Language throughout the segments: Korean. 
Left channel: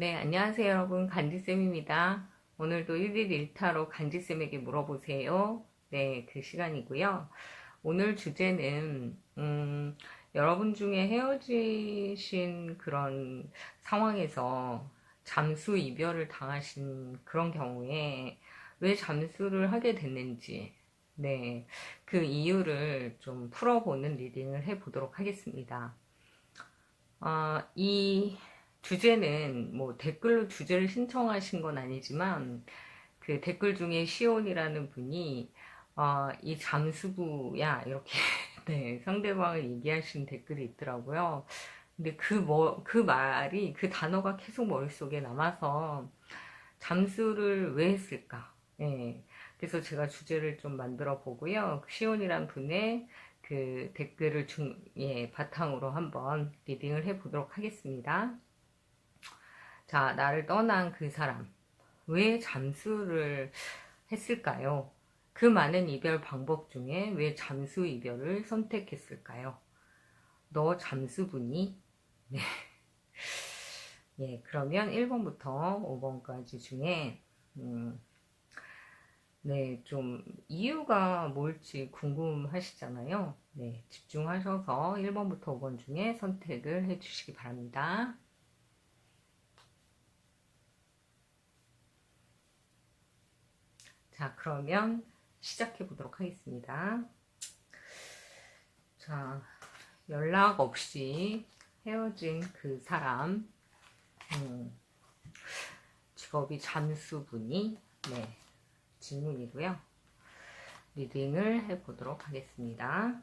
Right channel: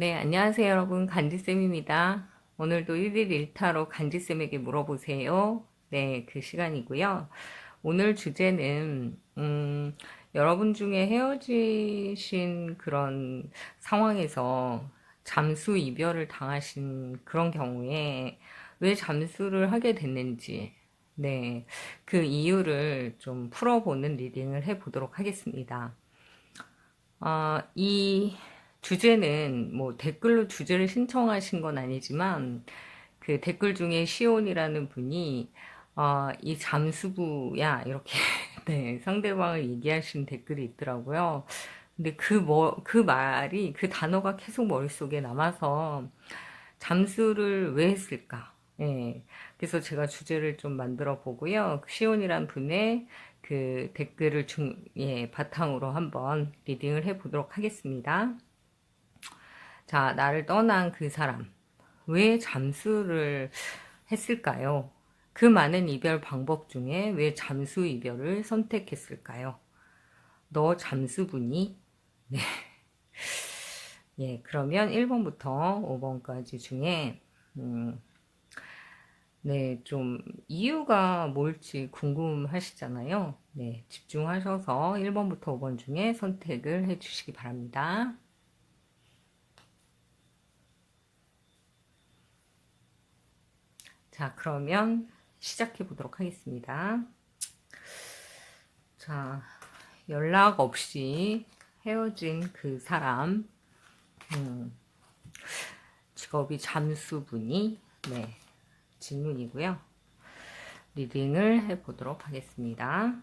네, 안녕하세요, 여러분. 간지쌤입니다. 오늘도 1일 1타로 간지쌤에게 물어보세요. 네, 그 시간이고요. 오늘 주제는, 여러분 중에 헤어지신 그런 상황에서 잠수 이별을 당하신 그런 경우에 왜 잠수를 하게 됐는지, 네, 그 이유를 좀 풀어보는 리딩을 해보도록 하겠습니다. 이 주제는 뭐 댓글로 주제를 신청하신 건 아니지만 그 댓글 중에 시온이라는 분이 이 잠수부야 이렇게 네, 상대방을 얘기하신 댓글이 있더라고요. 근데 그 말이 그 단어가 계속 머릿속에 남아서 잠수를 왜 했을까? 예. 그래서 제가 주제를 좀 만들어 보고요. 시온이란 분의 그 댓글을 바탕으로 한번 리딩을 해 보도록 하겠습니다. 자, 나를 떠난 그 사람. 왜 잠수를 했을까요? 그 많은 이별 방법 중에 왜 잠수 이별을 선택했을까요? 너 잠수부니? 네. 예, 그러면 1번부터 5번까지 중에, 음, 네, 좀 이유가 뭘지 궁금하시잖아요. 네, 집중하셔서 1번부터 5번 중에 선택을 해주시기 바랍니다. 자, 그러면 시작해 보도록 하겠습니다. 자, 연락 없이 헤어진 그 사람, 직업이 잠수부니, 네, 질문이고요. 리딩을 해 보도록 하겠습니다.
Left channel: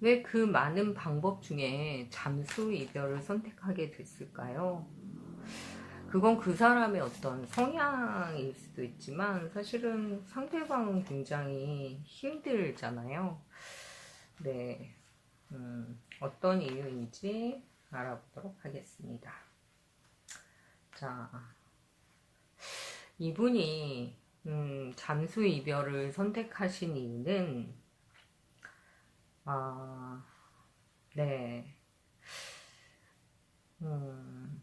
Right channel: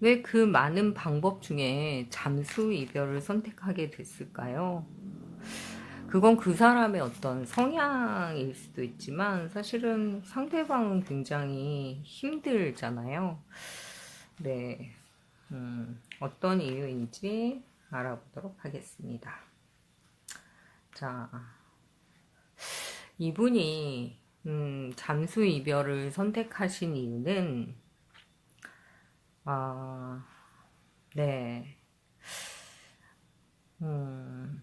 왜 그 많은 방법 중에 잠수 이별을 선택하게 됐을까요? 그건 그 사람의 어떤 성향일 수도 있지만 사실은 상대방은 굉장히 힘들잖아요. 네, 어떤 이유인지 알아보도록 하겠습니다. 자, 이분이 잠수 이별을 선택하신 이유는 어, 네, 음,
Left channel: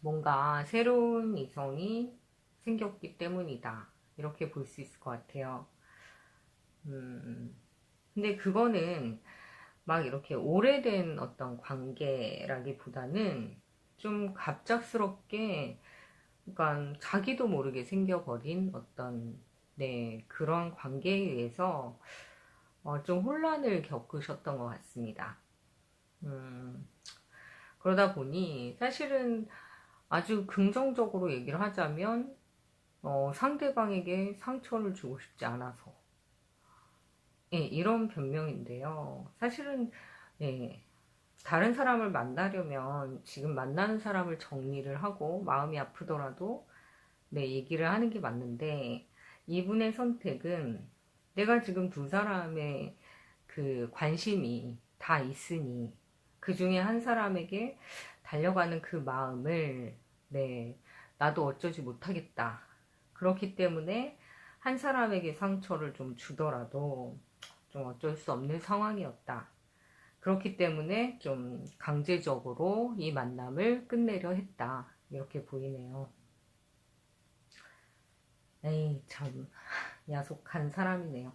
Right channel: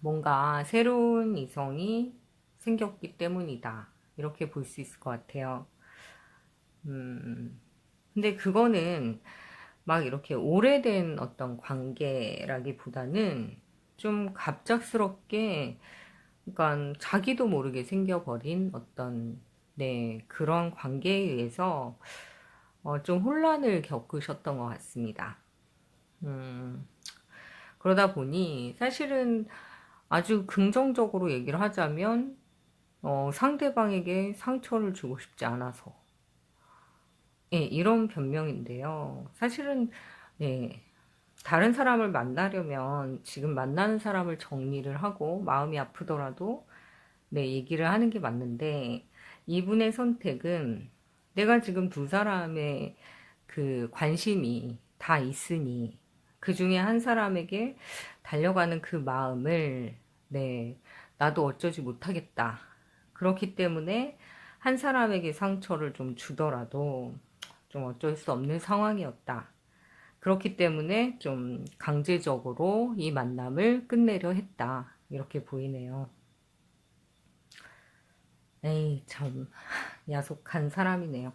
뭔가 새로운 이성이 생겼기 때문이다. 이렇게 볼 수 있을 것 같아요. 근데 그거는 막 이렇게 오래된 어떤 관계라기보다는 좀 갑작스럽게, 그러니까 자기도 모르게 생겨버린 어떤, 네, 그런 관계에 의해서 좀 혼란을 겪으셨던 것 같습니다. 음, 그러다 보니 사실은 아주 긍정적으로 얘기를 하자면 상대방에게 상처를 주고 싶지 않아서 예, 이런 변명인데요. 사실은 네, 다른 사람을 만나려면 지금 만나는 사람을 정리를 하고 마음이 아프더라도 네, 얘기를 하는 게 맞는데 이분의 선택은 내가 지금 두 사람의 그 관심이 다 있으니 그 중에 한 사람에게 달려가는 그 마음을 네, 나도 어쩌지 못하겠다. 그렇기 때문에 한 사람에게 상처를 좀 주더라도 좀 어쩔 수 없는 상황이었다. 그렇기 때문에 좀 강제적으로 이 만남을 끝내려 했다. 이렇게 보이네요. 에이, 참, 야속한 사람이네요.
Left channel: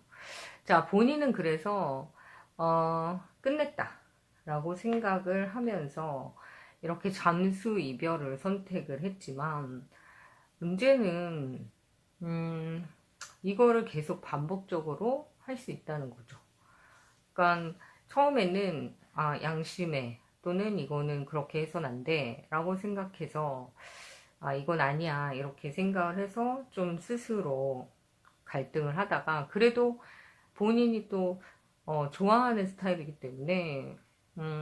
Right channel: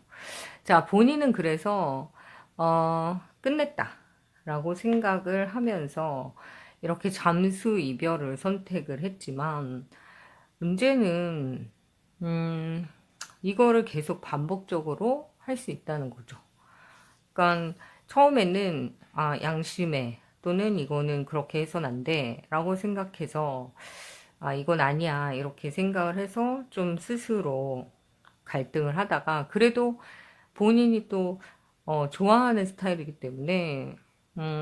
자, 본인은 그래서, 끝냈다. 라고 생각을 하면서 이렇게 잠수 이별을 선택을 했지만, 문제는, 음, 이거를 계속 반복적으로 할 수 있다는 거죠. 그러니까 처음에는 양심에 또는 이거는 그렇게 해선 안 돼 라고 생각해서 이건 아니야 이렇게 생각을 해서 좀 스스로 갈등을 하다가 그래도 본인이 또 좋아하는 스타일이기 때문에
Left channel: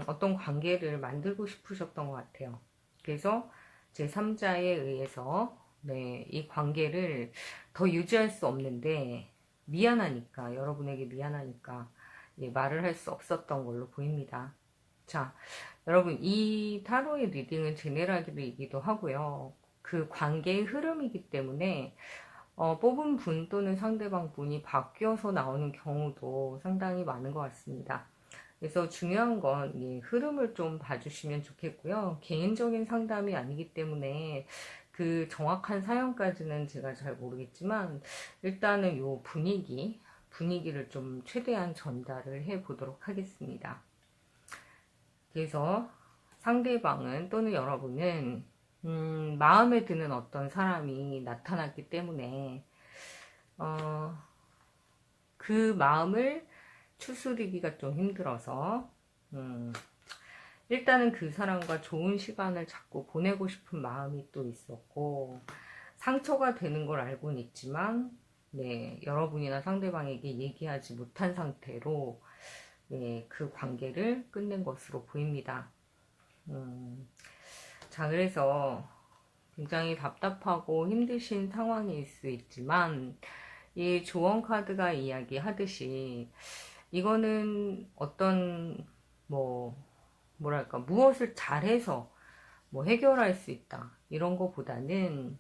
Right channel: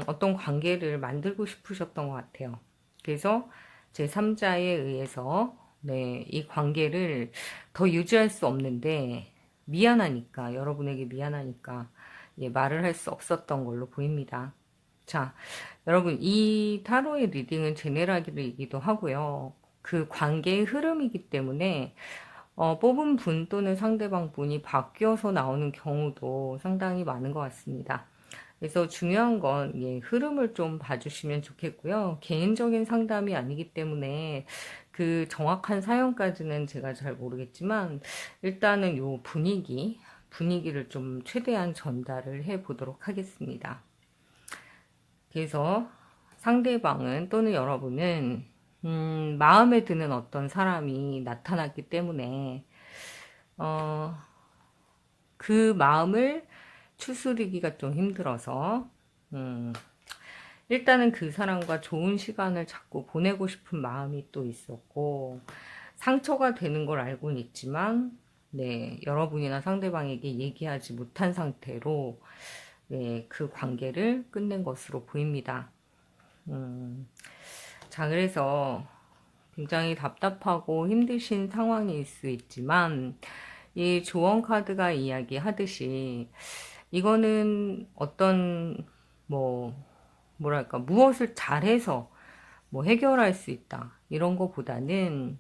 어떤 관계를 만들고 싶으셨던 것 같아요. 그래서 제3자에 의해서 네, 이 관계를 더 유지할 수 없는데 미안하니까 여러분에게 미안하니까 예, 말을 할 수 없었던 걸로 보입니다. 자, 여러분 이 타로의 리딩은 제네랄이기도 하고요. 그 관계의 흐름이기 때문에 뽑은 분 또는 상대방 분이 바뀌어서 나오는 경우도 상당히 많은 것 같습니다. 그래서 중요한 건 예, 흐름을 좀 봐주시면 좋겠고요. 개인적인 상담이 아니기 때문에 그 정확한 사연까지는 제가 잘 모르겠지만 일단은 요 분위기를 좀 최대한 전달을 해 보도록 하겠습니다. 그래서 상대방은 또는 여러분은 마음에 드는 어떤 사람이 나타났기 때문에 어, 그 마음을 추스리기가 좀 힘들어서 음, 일단은 그 사람과 좋은 시간을 자꾸 보내고 싶은 마음이 또 있었고 상처가 되는 걸 알고는 있지만 네, 여러분이나 상대방에게 얘기하지 못한 상태로 네, 그 관계를 끝낸 것으로 보입니다. 자, 그래서 굉장히 답답하고 힘드신 상황일 수 있지만 이 조언 카드가 이야기하듯이 이거는 어떤 뭐 뭐랄까 무엇을 잘해서 뭐 해결할 수 있다 이런 거보다는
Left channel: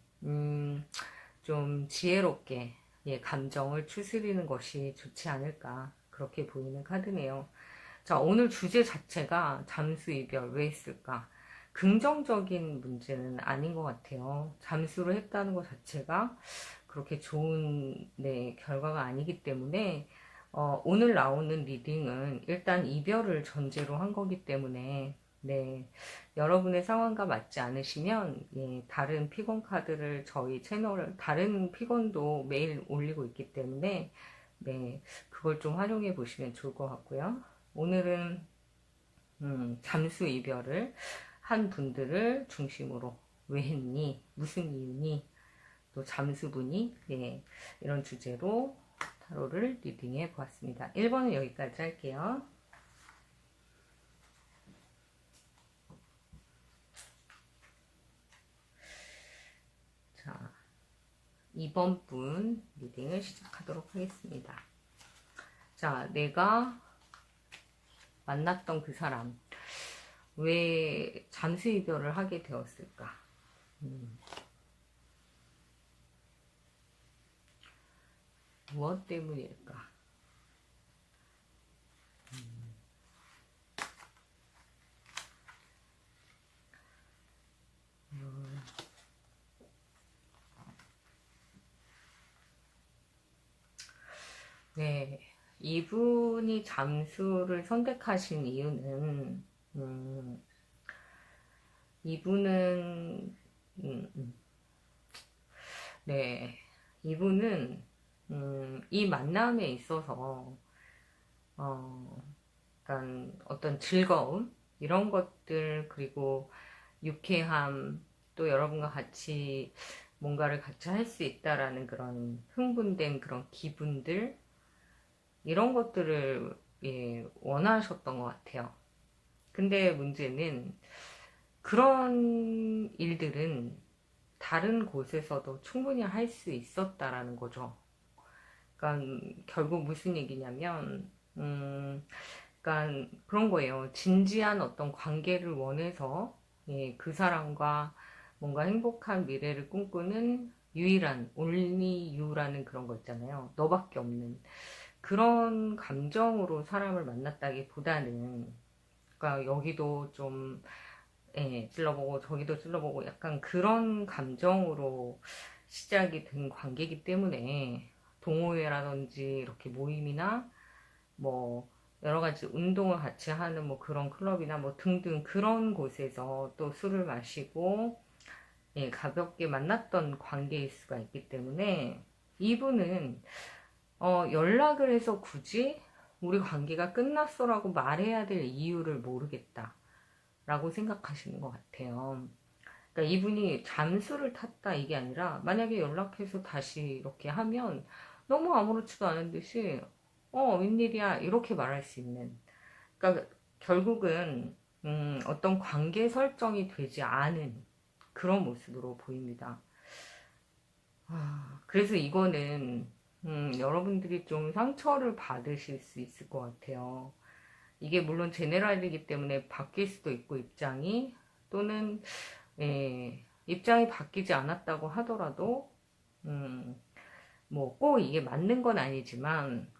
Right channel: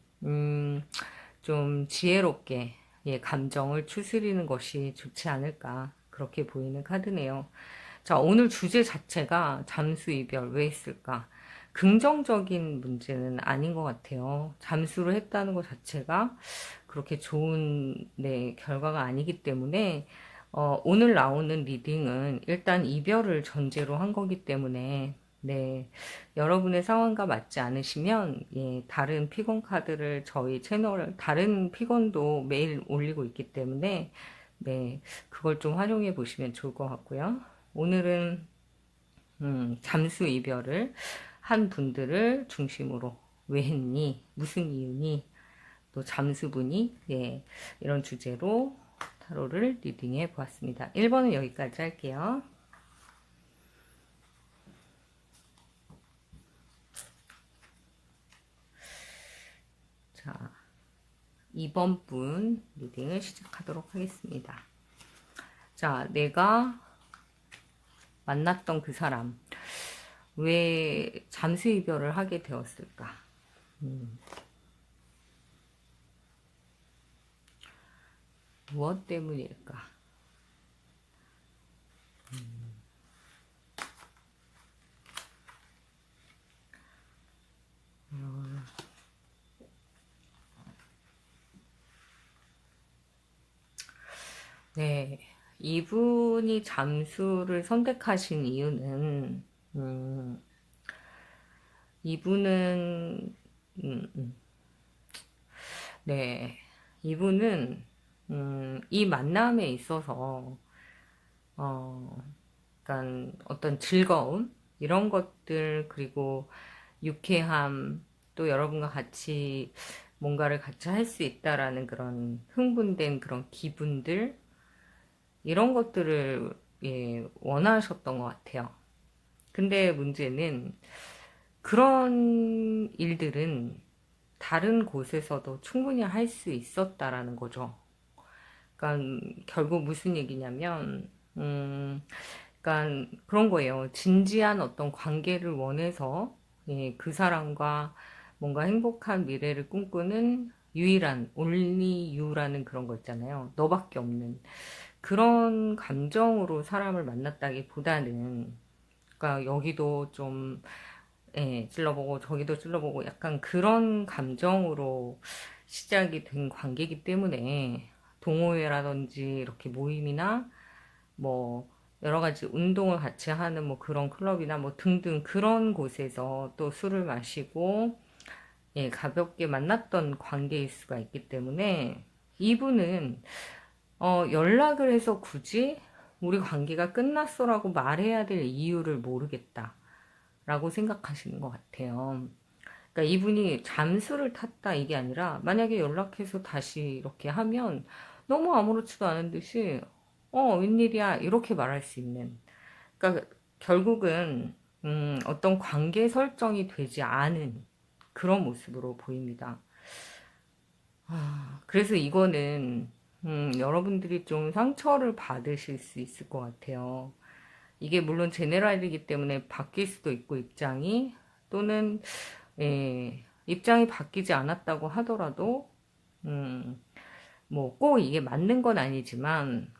좀 지혜롭게 예, 감정을 추스리는 것이 좋지 않을까 그렇게 보이는 카드네요. 자, 오늘 주제 자체가 잠수 이별 왜 했을까? 긍정적인 문제는 아닌 것 같아요. 잠수를 했다는 것 자체가 그렇게 좋은 네, 결과가 아니기 때문에 오늘 나오는 리딩은 일단 이별을 전제로 한 거기 때문에 네, 여러분의 상황과 맞지 않으시면 예, 다른 피곤 카드를 저희 채널 다른 피곤도 매일 올리고 있기 때문에 네, 그걸 좀 활용해 보시면 좋을 것 같고요. 오늘은 잠수 이별을 한 분들을 중심으로 왜 했니? 무슨 이유니? 또 잠수부니? 예, 이런 주제로 타로를 리딩해 보았습니다. 1번은 여기까지 할게요. 자, 2번 분 리딩을 시작하도록 하겠습니다. 자, 내가 만났던 그 사람 왜 잠수 이별을 하게 되었을까? 무엇 때문일까? 네, 이분이 잠수를 선택하신 이유는 이분은 네, 이분은 이 만남에 있어서 그러니까 어떤 즐거움 이런 것들 그리고 유쾌함 또 여러분과 같이 뭔가를 같이 할 수 있다라는 그런 흥분된 그런 기분들 이런 것들을 예, 원하셨던 것 같아요. 근데 문제는 그런 일들은 다른 곳에서도 충분히 할 수 있었다라는 거죠. 그러니까 결국 무슨 얘기냐면, 그러니까 그런 거예요. 진지한 어떤 관계를 원해서 예, 그 사람과 뭔가 행복한 미래를 꿈꾸는 유일한 only you라는 그런 거 있잖아요. 너밖에 없는 그런 감정으로 사람을 만났다기보다는 그러니까 여기도 좀 예, 찔러보고 저기도 찔러보고 약간 그런 감정으로 시작이 된 관계이기 때문에 동호회라든지 이렇게 모임이나 뭐 여러 가지 운동을 같이 하는 뭐 그런 클럽이나 뭐 등등 그런 곳에서 또 술을 마시고 예, 가볍게 만났던 관계일 수가 있기 때문에 이분은 연락을 해서 굳이 우리 관계가 끝났어라고 말해야 될 이유를 모르겠다 라고 생각하시는 것 같아요. 그러니까 이분이 잠수를 탔다 이게 아니라 만약에 연락해서 다시 이렇게 하면 너무 아무렇지도 않은 듯이 웬일이야 이렇게 말할 수 있는 그러니까 결국은 어떤 관계 설정이 되지 않은 그런 모습으로 보입니다. 그래서 이거는 여러분들이 좀 상처를 받으실 수 있을 것 같아요. 이게 물론 제네랄이기 때문에 바뀔 수도 있고 입장이 또는 예, 입장이 바뀌지 않았다고 하더라도 뭐 꼭 이게 맞는 건 아니지만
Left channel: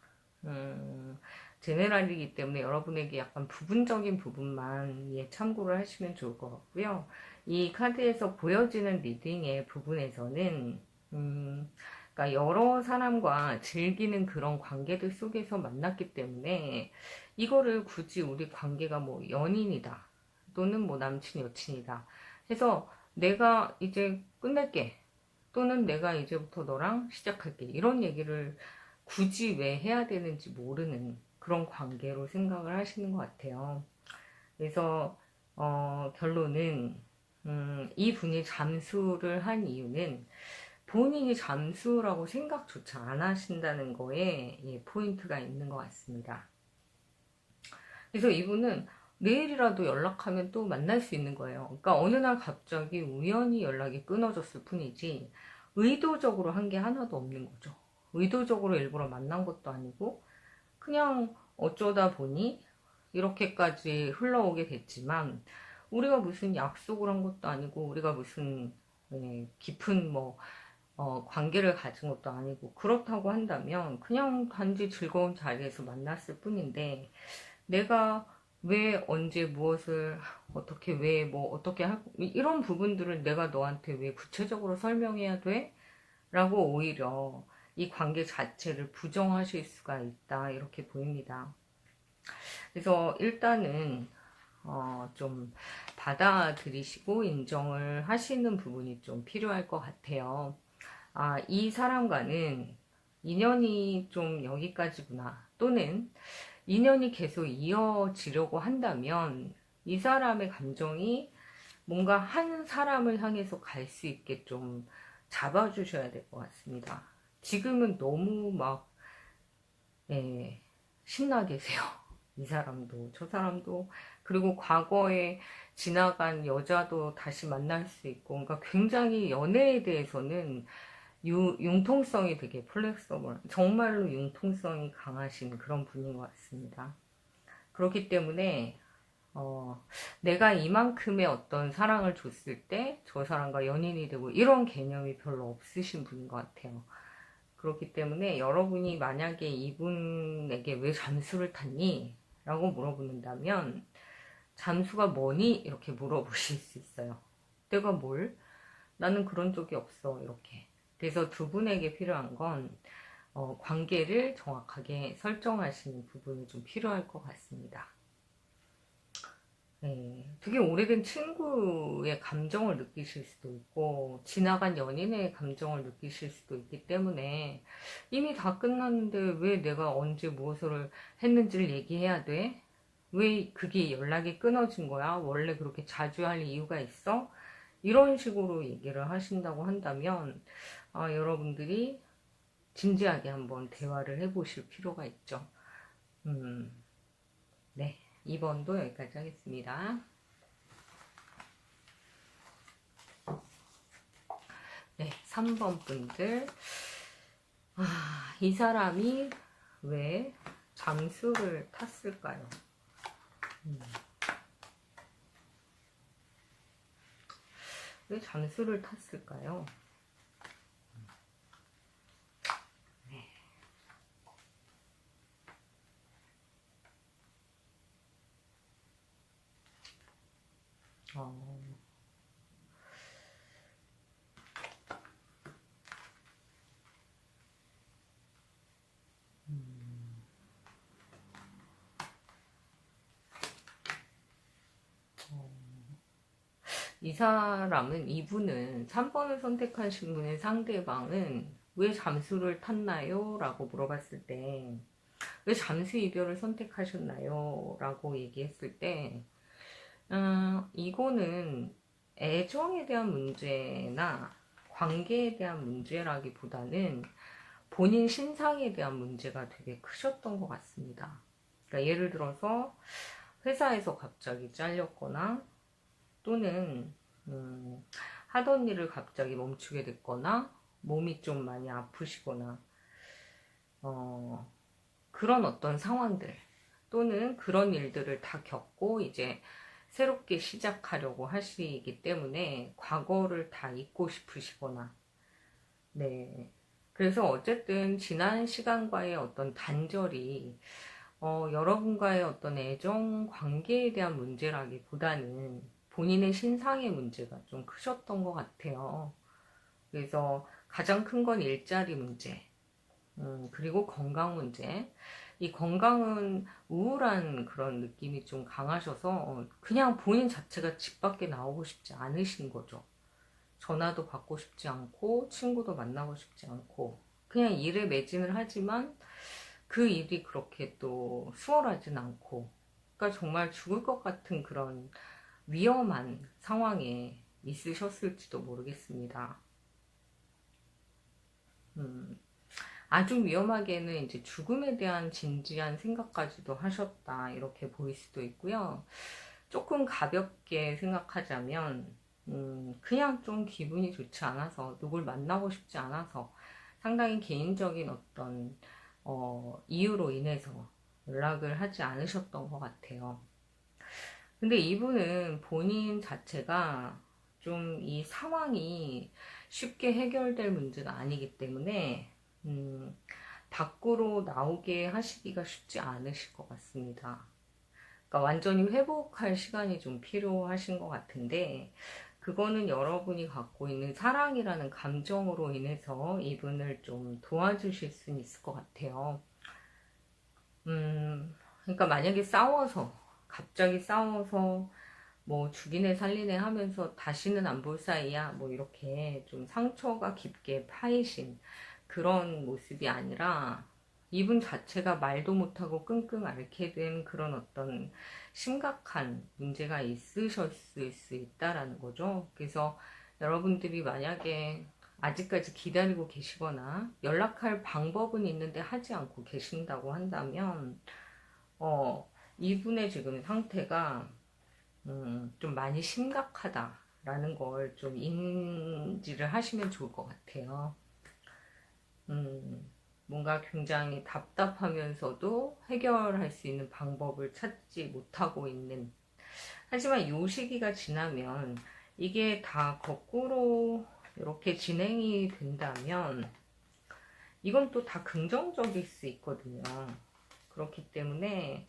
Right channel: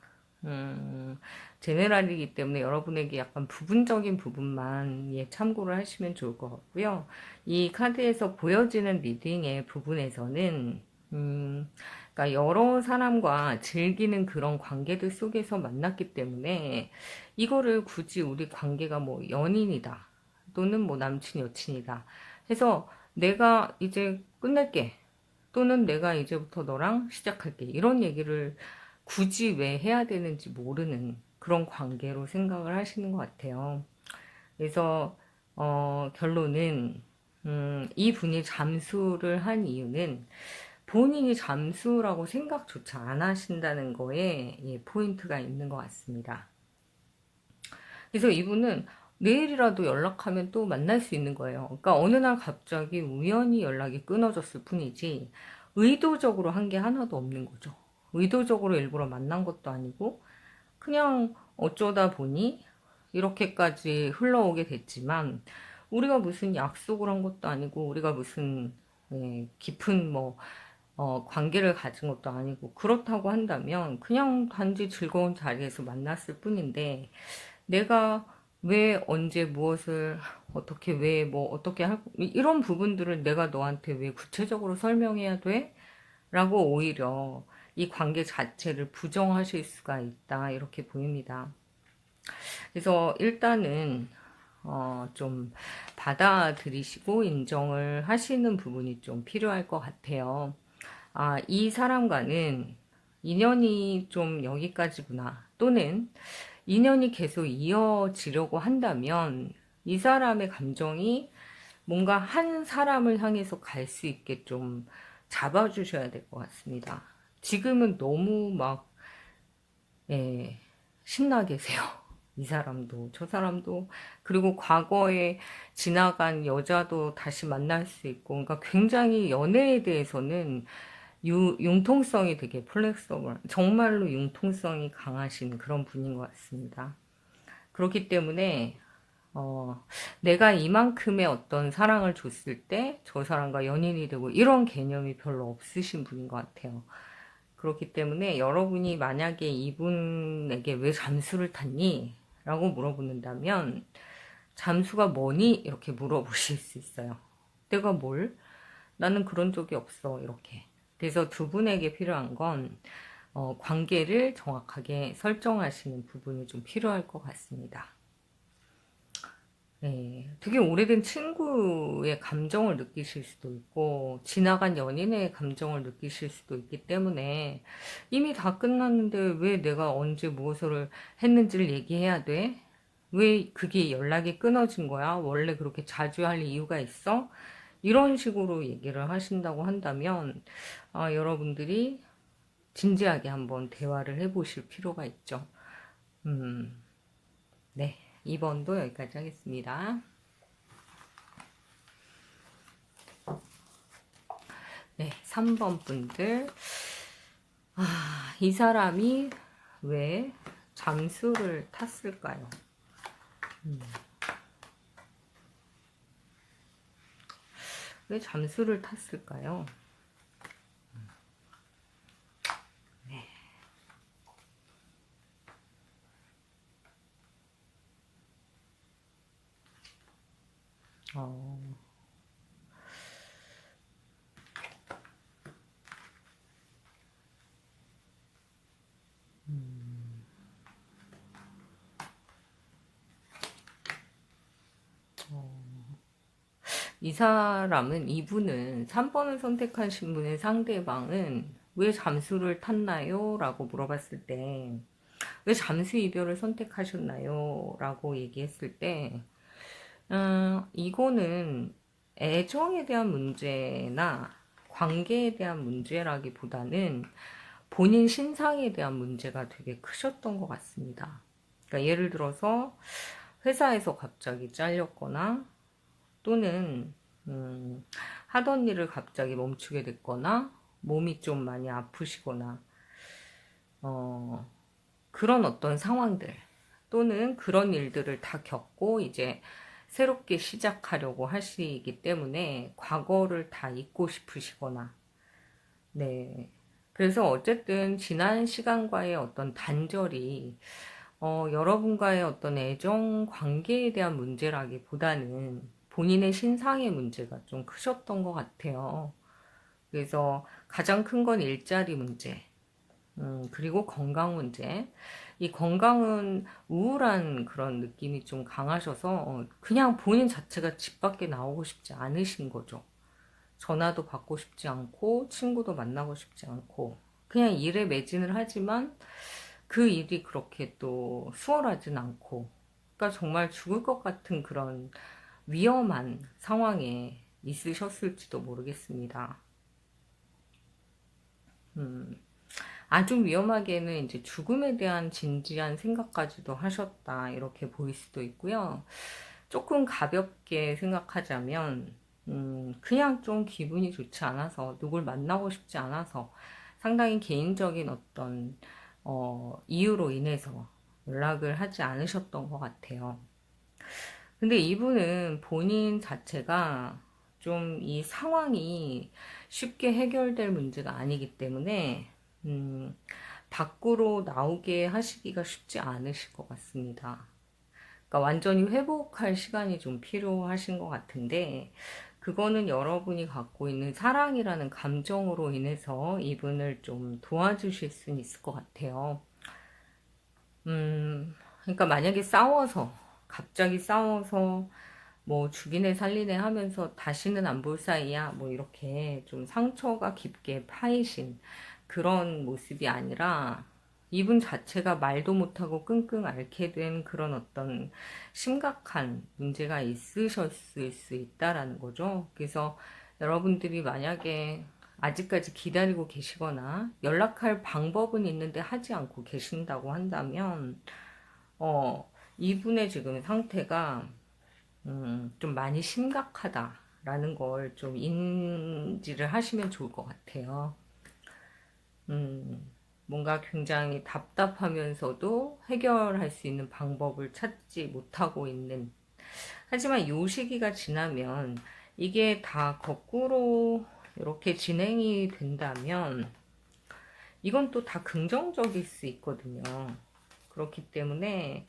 제네랄이기 때문에 여러분에게 약간 부분적인 부분만 참고를 하시면 좋을 것 같고요. 이 카드에서 보여지는 리딩의 부분에서는 그러니까 여러 사람과 즐기는 그런 관계들 속에서 만났기 때문에 이거를 굳이 우리 관계가 뭐 연인이다 또는 뭐 남친 여친이다 해서 내가 이제 끝낼게 또는 내가 이제부터 너랑 시작할게 이런 얘기를 굳이 왜 해야 되는지 모르는 그런 관계로 생각을 하시는 것 같아요. 그래서 결론은 이 분이 잠수를 한 이유는 본인이 잠수라고 생각조차 안 하신다는 거에 포인트가 있는 것 같습니다. 그래서 이분은 내일이라도 연락하면 또 만날 수 있는 거예요. 그러니까 어느 날 갑자기 우연히 연락이 끊어졌을 뿐이지 의도적으로 한 게 하나도 없는 거죠. 의도적으로 일부러 만난 것도 아니고 그냥 어쩌다 보니 이렇게까지 흘러오게 됐지만 우리가 무슨 약속을 한 것도 아니고 우리가 무슨 깊은 뭐 관계를 가진 것도 아니고 그렇다고 한다면 그냥 단지 즐거운 자리에서 만났을 뿐인데 내가 왜 언제 무엇을 어떻게 왜 뭐 어떻게 할 이런 부분들을 내가 너한테 왜 구체적으로 설명해야 돼? 라고 오히려 이 관계 자체를 부정하실 수가 있다 이렇게 보입니다. 그래서 일단은 좀 받아들이시고 인정을 하시는 부분이 좀 필요할 것 같아요. 이 사람과는 인연이 좀 여기까지구나 또는 인연이 계속 이어지려고 한다면 이 사람의 감정이 뭔가 한 사람을 향해서 갈 수 있게 좀 잡아주셔야 될 것 같습니다. 지금은 너무 막 신나 계세요. 이 사람도 저 사람도 그리고 과거에 지나간 여자도 다시 만날 수 있고 그러니까 굉장히 연애에 대해서는 융통성이 되게 플렉서블 정말로 융통성이 강하신 그런 분인 것 같습니다. 그렇기 때문에 내가 이만큼의 어떤 사랑을 줬을 때 저 사람과 연인이 되고 이런 개념이 별로 없으신 분인 것 같아요. 그렇기 때문에 여러분이 만약에 이분에게 왜 잠수를 탔니? 라고 물어보는다면 잠수가 뭐니? 이렇게 물어보실 수 있어요. 내가 뭘? 나는 그런 적이 없어. 이렇게. 그래서 두 분에게 필요한 건 관계를 정확하게 설정하시는 부분이 좀 필요할 것 같습니다. 네, 되게 오래된 친구의 감정을 느끼실 수도 있고, 지나간 연인의 감정을 느끼실 수도 있기 때문에, 이미 다 끝났는데 왜 내가 언제 무엇을 했는지를 얘기해야 돼? 왜 그게 연락이 끊어진 거야? 원래 그렇게 자주 할 이유가 있어? 이런 식으로 얘기를 하신다고 한다면, 여러분들이 진지하게 한번 대화를 해보실 필요가 있죠. 네. 2번도 여기까지 하겠습니다. 네, 3번 분들. 이 사람이 왜 잠수를 탔을까요? 왜 잠수를 탔을까요? 네. 어, 이 사람은, 이분은 3번을 선택하신 분의 상대방은 왜 잠수를 탔나요? 라고 물어봤을 때, 왜 잠수 이별을 선택하셨나요? 라고 얘기했을 때, 이거는 애정에 대한 문제나 관계에 대한 문제라기보다는 본인 신상에 대한 문제가 되게 크셨던 것 같습니다. 그러니까 예를 들어서 회사에서 갑자기 잘렸거나 또는 하던 일을 갑자기 멈추게 됐거나 몸이 좀 많이 아프시거나 그런 어떤 상황들 또는 그런 일들을 다 겪고 이제 새롭게 시작하려고 하시기 때문에 과거를 다 잊고 싶으시거나 네. 그래서 어쨌든 지난 시간과의 어떤 단절이 여러분과의 어떤 애정 관계에 대한 문제라기보다는 본인의 신상의 문제가 좀 크셨던 것 같아요. 그래서 가장 큰 건 일자리 문제, 그리고 건강 문제. 이 건강은 우울한 그런 느낌이 좀 강하셔서 그냥 본인 자체가 집 밖에 나오고 싶지 않으신 거죠. 전화도 받고 싶지 않고 친구도 만나고 싶지 않고 그냥 일에 매진을 하지만 그 일이 그렇게 또 수월하진 않고 그러니까 정말 죽을 것 같은 그런 위험한 상황에 있으셨을지도 모르겠습니다. 아주 위험하게는 이제 죽음에 대한 진지한 생각까지도 하셨다 이렇게 보일 수도 있고요. 조금 가볍게 생각하자면 그냥 좀 기분이 좋지 않아서 누굴 만나고 싶지 않아서 상당히 개인적인 어떤 이유로 인해서 연락을 하지 않으셨던 것 같아요. 근데 이분은 본인 자체가 좀 이 상황이 쉽게 해결될 문제가 아니기 때문에 음, 밖으로 나오게 하시기가 쉽지 않으실 것 같습니다. 그러니까 완전히 회복할 시간이 좀 필요하신 것 같은데, 그거는 여러분이 갖고 있는 사랑이라는 감정으로 인해서 이분을 좀 도와주실 수는 있을 것 같아요. 그러니까 만약에 갑자기 싸워서 뭐 죽이네 살리네 하면서 다시는 안 볼 사이야 뭐 이렇게 좀 상처가 깊게 파이신 그런 모습이 아니라 이분 자체가 말도 못하고 끙끙 앓게 된 그런 어떤 심각한 문제가 있으셨을 수 있다라는 거죠. 그래서 여러분들이 만약에 아직까지 기다리고 계시거나 연락할 방법은 있는데 하지 않고 계신다고 한다면 이분의 지금 상태가 좀 많이 심각하다라는 걸 좀 인지를 하시면 좋을 것 같아요. 뭔가 굉장히 답답하면서도 해결할 수 있는 방법을 찾지 못하고 있는. 하지만 이 시기가 지나면 이게 다 거꾸로 이렇게 진행이 된다면 이건 또 다 긍정적일 수 있거든요. 그렇기 때문에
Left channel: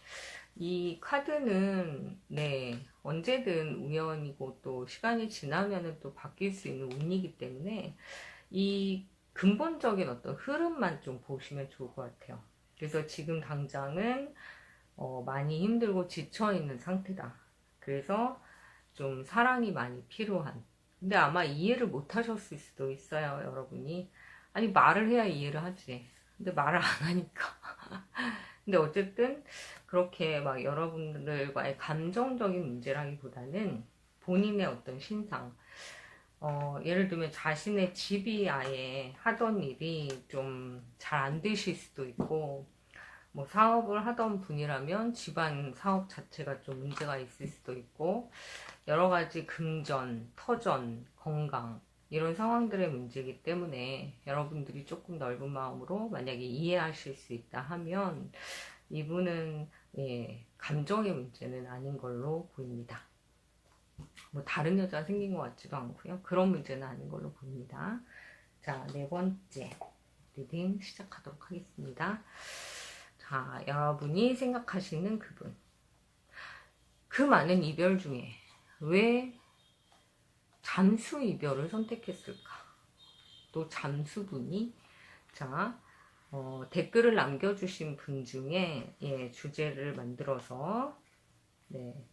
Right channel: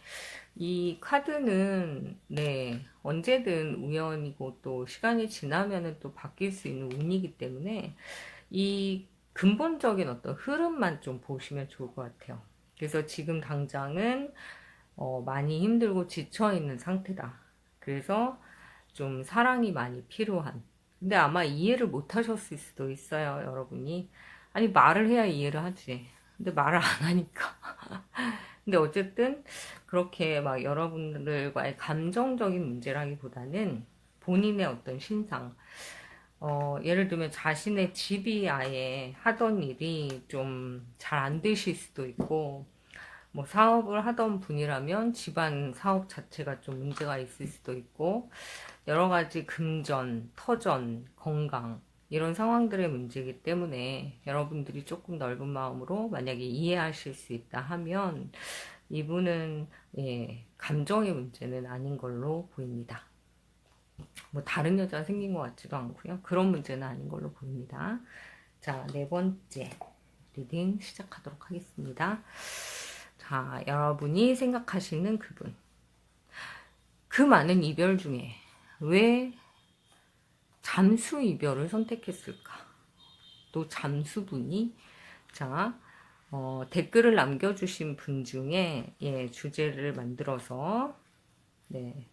이 카드는 네 언제든 우연이고 또 시간이 지나면은 또 바뀔 수 있는 운이기 때문에 이 근본적인 어떤 흐름만 좀 보시면 좋을 것 같아요. 그래서 지금 당장은 많이 힘들고 지쳐 있는 상태다. 그래서 좀 사랑이 많이 필요한. 근데 아마 이해를 못 하셨을 수도 있어요, 여러분이. 아니, 말을 해야 이해를 하지. 근데 말을 안 하니까. 근데 어쨌든 그렇게 막 여러분들과의 감정적인 문제라기보다는 본인의 어떤 신상, 예를 들면 자신의 집이 아예 하던 일이 좀 잘 안 되실 수도 있고, 뭐 사업을 하던 분이라면 집안 사업 자체가 좀 문제가 있을 수도 있고, 여러 가지 금전, 터전, 건강, 이런 상황들의 문제이기 때문에 여러분들이 조금 넓은 마음으로 만약에 이해하실 수 있다 하면 이분은 예, 감정의 문제는 아닌 걸로 보입니다. 뭐 다른 여자가 생긴 것 같지도 않고요. 그런 문제는 아닌 걸로 보입니다. 자, 네 번째 리딩 시작하도록 하겠습니다. 자, 여러분이 생각하시는 그분. 그 많은 이별 중에 왜 잠수 이별을 선택했을까? 또 잠수분이 자, 댓글을 남겨주신 분 중에 예, 주제를 만들어서 네,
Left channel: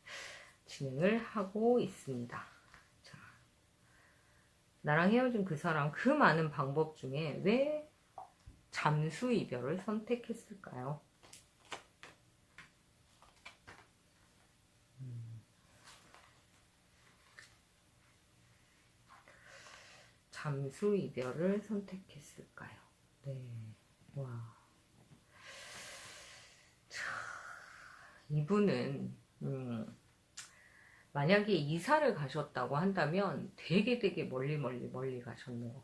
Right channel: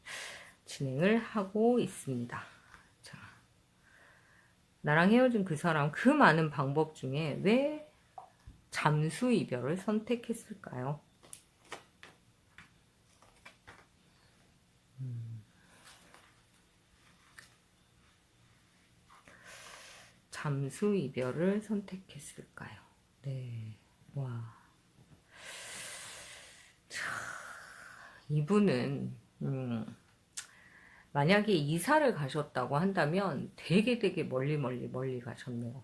진행을 하고 있습니다. 자, 나랑 헤어진 그 사람 그 많은 방법 중에 왜 잠수 이별을 선택했을까요? 잠수 이별을 선택했을까요? 네, 와, 이분은 만약에 이사를 가셨다고 한다면 되게 멀리 가셨네요.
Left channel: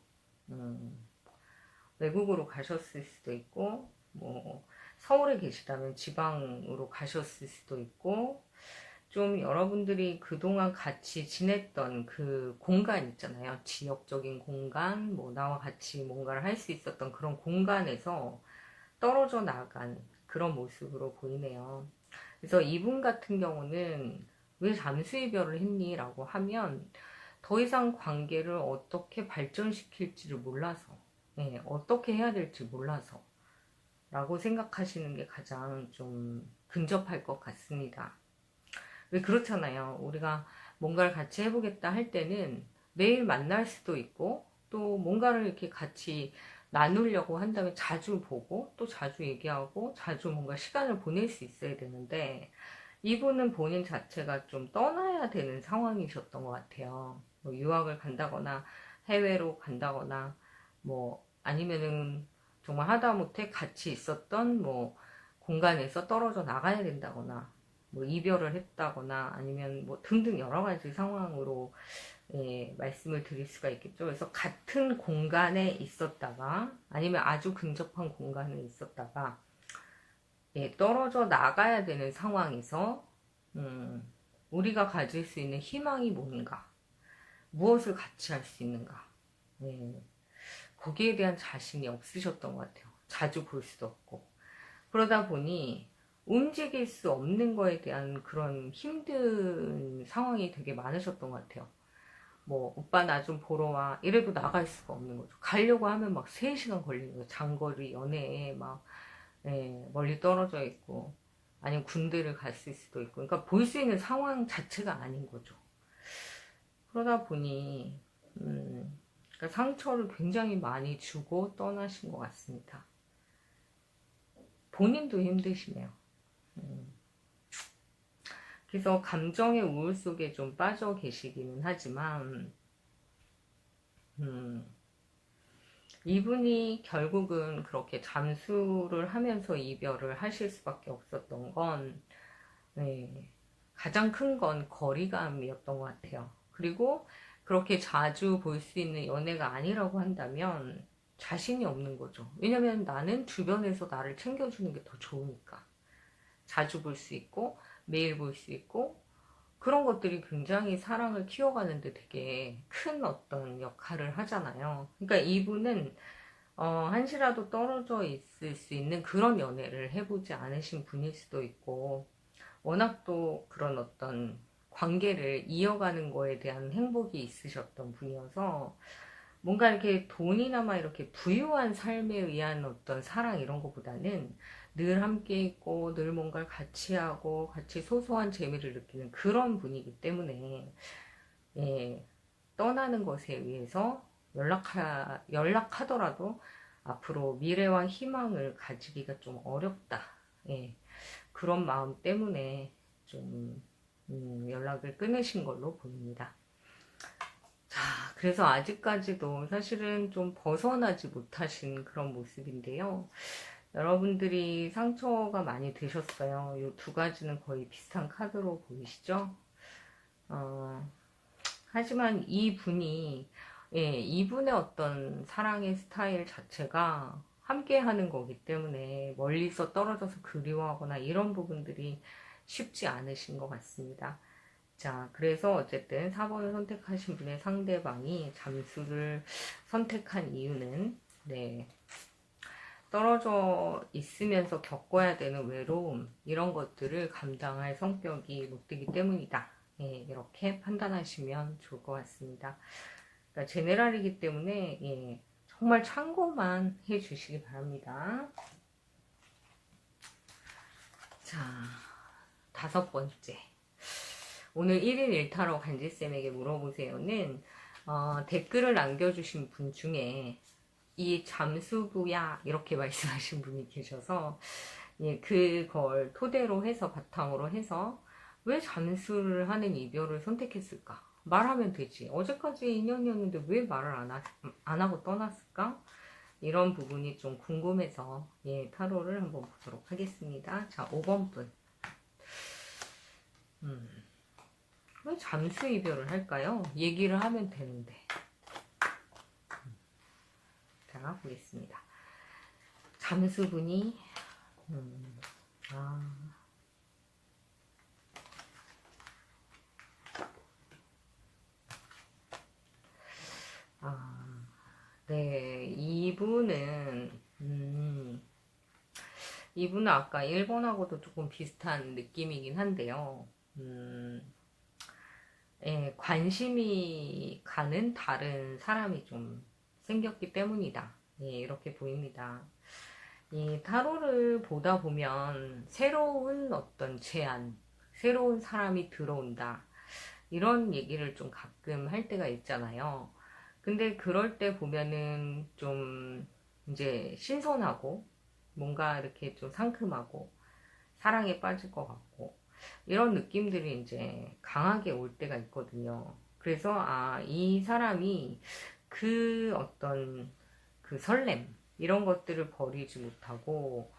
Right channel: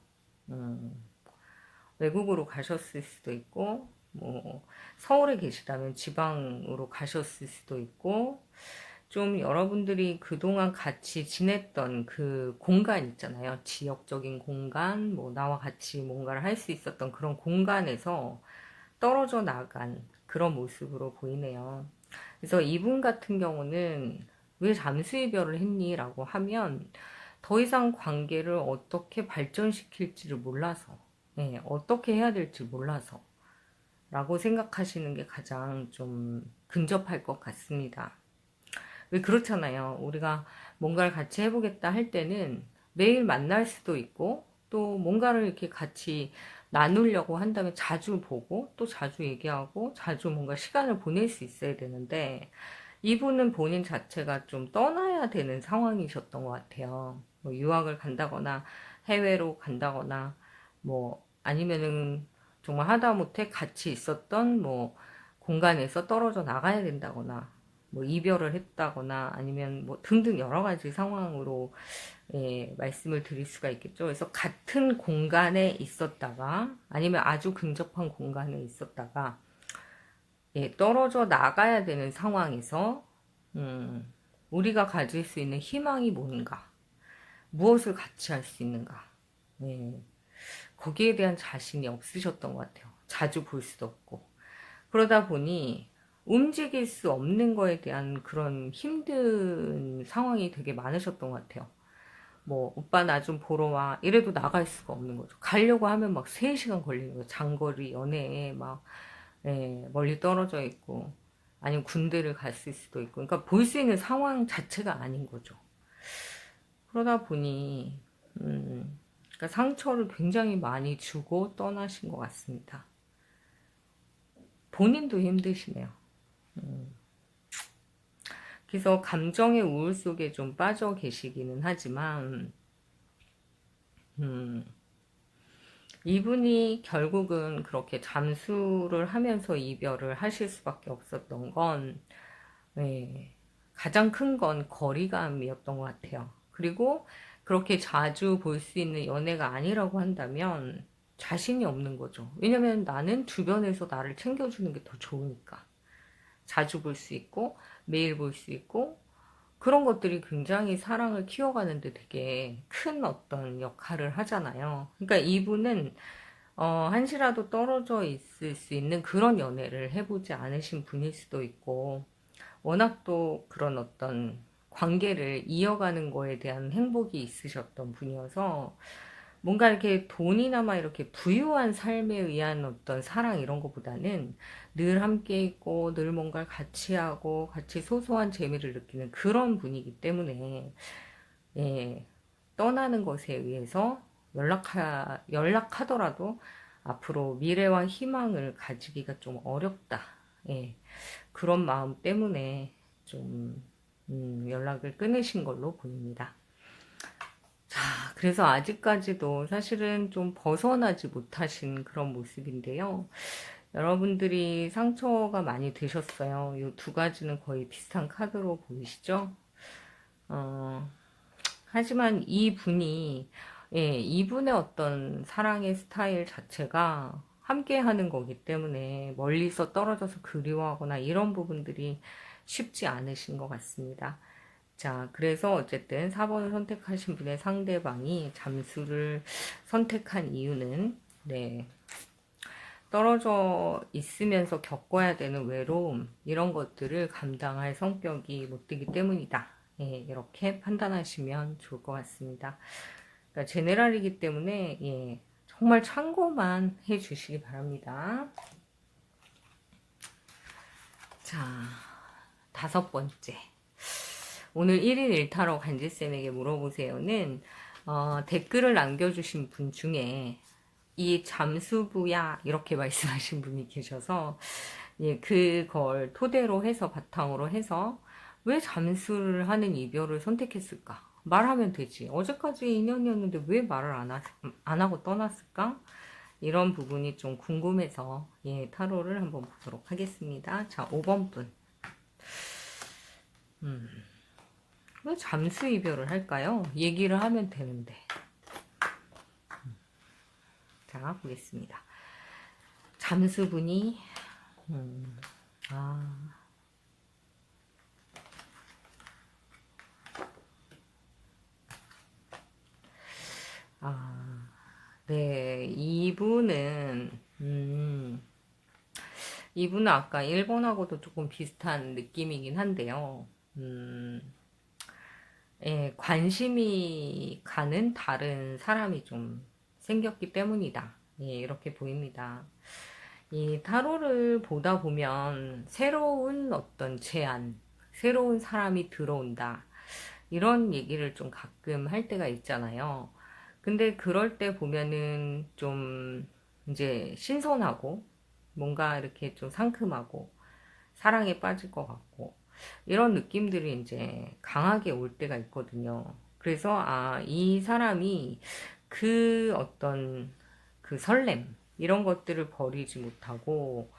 외국으로 가셨을 수도 있고, 뭐, 서울에 계시다면 지방으로 가셨을 수도 있고, 좀 여러분들이 그동안 같이 지냈던 그 공간 있잖아요. 지역적인 공간, 뭐, 나와 같이 뭔가를 할 수 있었던 그런 공간에서 떨어져 나간 그런 모습으로 보이네요. 그래서 이분 같은 경우는 왜 잠수 이별을 했니? 라고 하면 더 이상 관계를 어떻게 발전시킬지를 몰라서, 네, 어떻게 해야 될지 몰라서 라고 생각하시는 게 가장 좀 근접할 것 같습니다. 왜 그렇잖아요. 우리가 뭔가를 같이 해보겠다 할 때는 매일 만날 수도 있고 또 뭔가를 이렇게 같이 나누려고 한다면 자주 보고 또 자주 얘기하고 자주 뭔가 시간을 보낼 수 있어야 되는데 이분은 본인 자체가 좀 떠나야 되는 상황이셨던 것 같아요. 뭐 유학을 간다거나 해외로 간다거나 뭐 아니면은 정말 하다못해 같이 있었던 뭐 공간에서 떨어져 나가야 된다거나 뭐 이별을 했다거나 아니면 뭐 등등 여러 가지 상황으로 예, 말씀을 드릴 수가 있겠죠. 그래서 같은 공간에 있었다가 아니면 아주 근접한 공간에 있었다가 예, 떨어져 나가야 되는 상황에서 우리가 가질 수 있는 희망이 뭔가, 무엇을 같이 할 수 있는가, 예, 거기에 대한 자신이 없으셨던 것 같아요. 자주 볼 수도 없고. 그러다 보니 움직일 수 없는 거에 대한 그런 힘든 상황이 되게 많으셨던 것 같아요. 뭐 오빠 나 좀 보러 와 이래도 나갈 수가 없는 거죠. 가려고 하면 막 3시간 걸리는 거예요. 장거리 연애에 막 예, 멀리 떨어져 있고 아니면 군대를 갔을 수도 있고 그러니까 볼 수 있는 상황 자체가 아닌 거죠. 그러다 보니 그러니까 상처를 굉장히 많이 주고 떠나신 것 같습니다. 본인도 힘드시네요. 그래서 감정의 우울 속에 좀 빠져 계시기는 하지만 음, 이분이 결국은 그렇게 잠수를 하면서 이별을 하실 수밖에 없었던 건 네, 가장 큰 건 거리감이었던 것 같아요. 그리고 그렇게 자주 볼 수 있는 연애가 아니라고 한다면 자신이 없는 거죠. 왜냐면 나는 주변에서 나를 챙겨주는 게 더 좋으니까. 자주 볼 수 있고 매일 볼 수 있고 그런 것들이 굉장히 사랑을 키워가는데 되게 큰 어떤 역할을 하잖아요. 그러니까 이분은 한시라도 떨어져 있을 수 있는 그런 연애를 해보지 않으신 분일 수도 있고 워낙 또 그런 어떤 관계를 이어가는 거에 대한 행복이 있으셨던 분이어서 뭔가 이렇게 돈이나마 이렇게 부유한 삶에 의한 어떤 사랑 이런 것보다는 늘 함께 있고 늘 뭔가를 같이 하고 같이 소소한 재미를 느끼는 그런 분이기 때문에 예, 떠나는 것에 의해서 연락하더라도 앞으로 미래와 희망을 가지기가 좀 어렵다. 예, 그런 마음 때문에 좀 연락을 끊으신 걸로 보입니다. 자, 그래서 아직까지도 사실은 좀 벗어나지 못하신 그런 모습인데요. 여러분들이 상처가 많이 되셨어요. 이 두 가지는 거의 비슷한 카드로 보이시죠? 어, 하지만 이분이, 예, 이분의 어떤 사랑의 스타일 자체가 함께 하는 거기 때문에 멀리서 떨어져서 그리워하거나 이런 부분들이 쉽지 않으신 것 같습니다. 자, 그래서 어쨌든 4번을 선택하신 분의 상대방이 잠수를 선택한 이유는, 네, 떨어져 있으면서 겪어야 되는 외로움, 이런 것들을 감당할 성격이 못 되기 때문이다. 예, 이렇게 판단하시면 좋을 것 같습니다. 그러니까 제네랄이기 때문에, 예, 정말 참고만 해 주시기 바랍니다. 자, 5번째. 오늘 1일 1타로 간지쌤에게 물어보세요는 댓글을 남겨주신 분 중에 이 잠수부야 이렇게 말씀하신 분이 계셔서 예, 그걸 토대로 해서 바탕으로 해서 왜 잠수를 하는 이별을 선택했을까? 말하면 되지. 어제까지 인연이었는데 왜 말을 안 하고 떠났을까? 이런 부분이 좀 궁금해서 예, 타로를 한번 보도록 하겠습니다. 자, 5번 분. 왜 잠수 이별을 할까요? 얘기를 하면 되는데. 자, 보겠습니다. 잠수분이 아, 네, 이분은 이분은 아까 1번하고도 조금 비슷한 느낌이긴 한데요. 음, 예, 관심이 가는 다른 사람이 좀 생겼기 때문이다. 예, 이렇게 보입니다. 이 타로를 보다 보면 새로운 어떤 제안, 새로운 사람이 들어온다. 이런 얘기를 좀 가끔 할 때가 있잖아요. 근데 그럴 때 보면은 좀 이제 신선하고 뭔가 이렇게 좀 상큼하고 사랑에 빠질 것 같고 이런 느낌들이 이제 강하게 올 때가 있거든요. 그래서 이 사람이 그 어떤 그 설렘 이런 것들을 버리지 못하고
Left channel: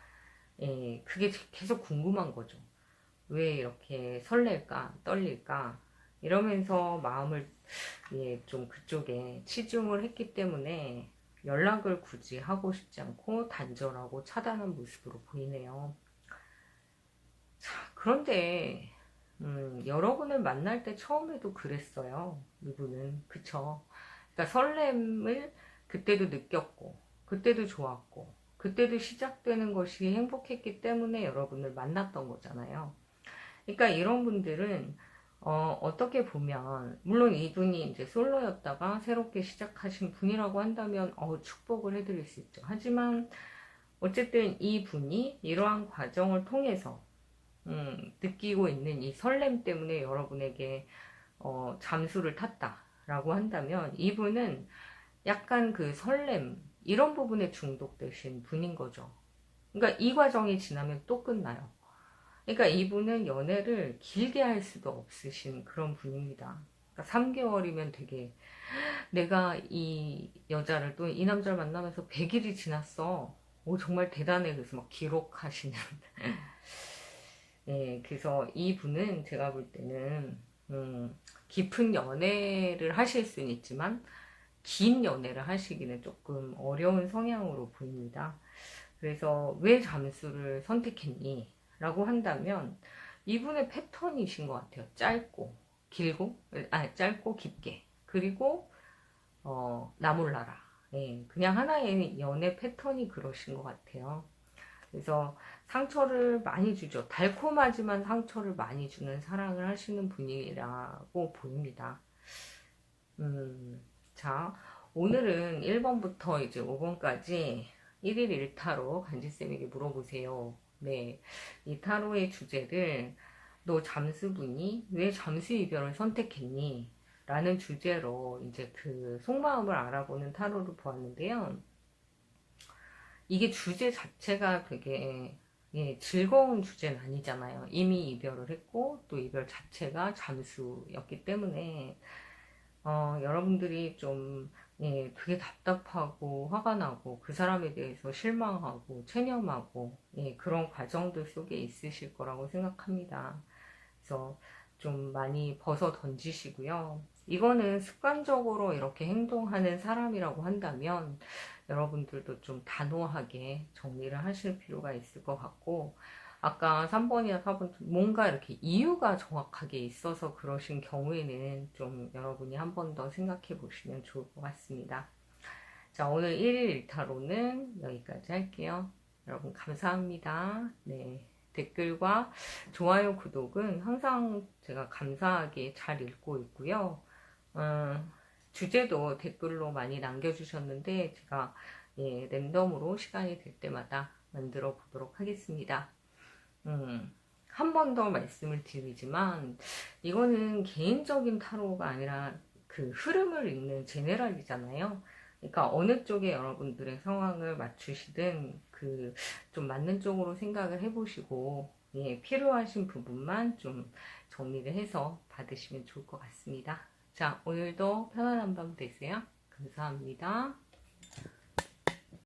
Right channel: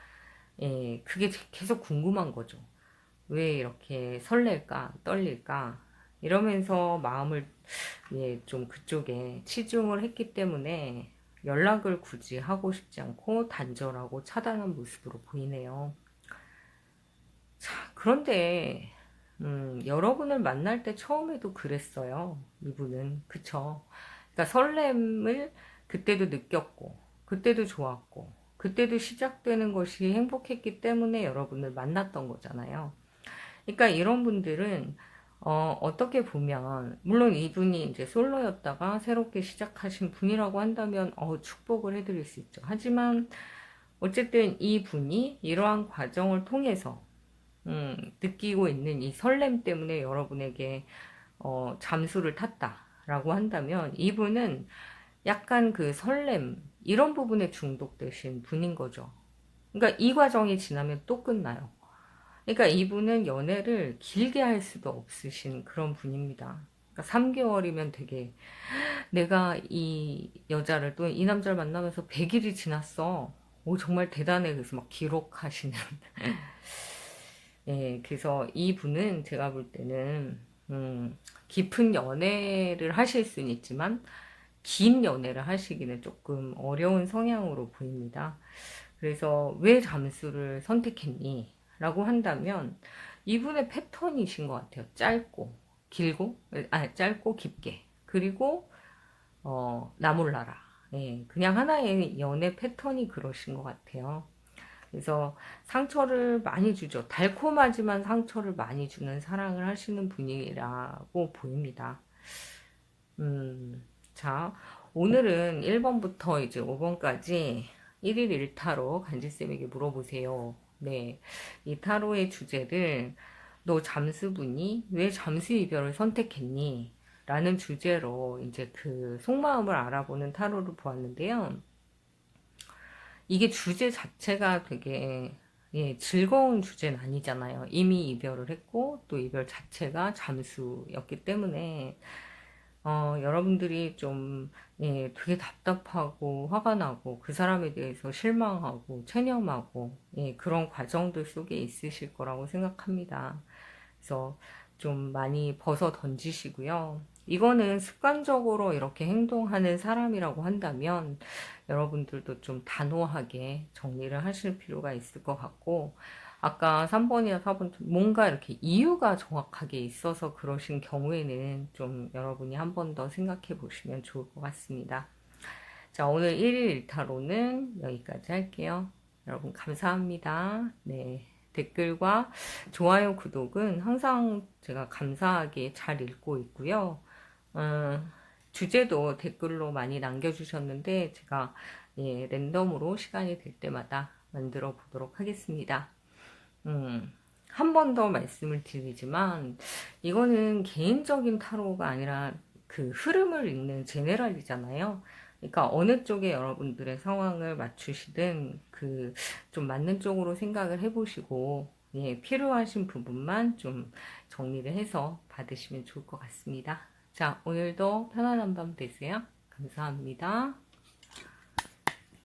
예, 그게 계속 궁금한 거죠. 왜 이렇게 설렐까, 떨릴까 이러면서 마음을 예, 좀 그쪽에 치중을 했기 때문에 연락을 굳이 하고 싶지 않고 단절하고 차단한 모습으로 보이네요. 그런데 여러분을 만날 때 처음에도 그랬어요. 이분은 그쵸? 그러니까 설렘을 그때도 느꼈고 그때도 좋았고 그때도 시작되는 것이 행복했기 때문에 여러분을 만났던 거잖아요. 그러니까 이런 분들은 어떻게 보면 물론 이분이 이제 솔로였다가 새롭게 시작하신 분이라고 한다면 축복을 해드릴 수 있죠. 하지만 어쨌든 이 분이 이러한 과정을 통해서 느끼고 있는 이 설렘 때문에 여러분에게 잠수를 탔다라고 한다면 이분은 약간 그 설렘 이런 부분에 중독되신 분인 거죠. 그러니까 이 과정이 지나면 또 끝나요. 그러니까 이분은 연애를 길게 할 수도 없으신 그런 분입니다. 그러니까 3개월이면 되게 내가 이 여자를 또 이 남자를 만나면서 100일이 지났어. 오, 정말 대단해. 그래서 막 기록하시는. 예, 그래서 이분은 제가 볼 때는, 깊은 연애를 하실 수는 있지만, 긴 연애를 하시기는 조금 어려운 성향으로 보입니다. 그래서 왜 잠수를 선택했니? 라고 한다면 이분의 패턴이신 것 같아요. 짧고 길고 짧고 깊게 그리고 나몰라라. 예, 그냥 하나의 연애 패턴이 그러신 것 같아요. 그래서 상처를 많이 주죠. 달콤하지만 상처를 많이 주는 사랑을 하시는 분이라고 보입니다. 자, 오늘은 1번부터 이제 5번까지 1일 1타로 간지쌤에게 물어보세요. 네. 이 타로의 주제를 너 잠수부니? 왜 잠수 이별을 선택했니? 라는 주제로 이제 그 속마음을 알아보는 타로를 보았는데요. 이게 주제 자체가 되게 예, 즐거운 주제는 아니잖아요. 이미 이별을 했고 또 이별 자체가 잠수였기 때문에 여러분들이 좀, 예, 되게 답답하고, 화가 나고, 그 사람에 대해서 실망하고, 체념하고, 예, 그런 과정들 속에 있으실 거라고 생각합니다. 그래서 좀 많이 벗어 던지시고요. 이거는 습관적으로 이렇게 행동하는 사람이라고 한다면, 여러분들도 좀 단호하게 정리를 하실 필요가 있을 것 같고, 아까 3번이나 4번 뭔가 이렇게 이유가 정확하게 있어서 그러신 경우에는 좀 여러분이 한 번 더 생각해 보시면 좋을 것 같습니다. 자, 오늘 1일 1타로는 여기까지 할게요. 여러분 감사합니다. 네. 댓글과 좋아요, 구독은 항상 제가 감사하게 잘 읽고 있고요. 어, 주제도 댓글로 많이 남겨주셨는데 제가 예, 랜덤으로 시간이 될 때마다 만들어 보도록 하겠습니다. 한 번 더 말씀을 드리지만 이거는 개인적인 타로가 아니라 그 흐름을 읽는 제네랄이잖아요. 그러니까 어느 쪽에 여러분들의 상황을 맞추시든 그 좀 맞는 쪽으로 생각을 해보시고 예, 필요하신 부분만 좀 정리를 해서 받으시면 좋을 것 같습니다. 자, 오늘도 편안한 밤 되세요. 감사합니다.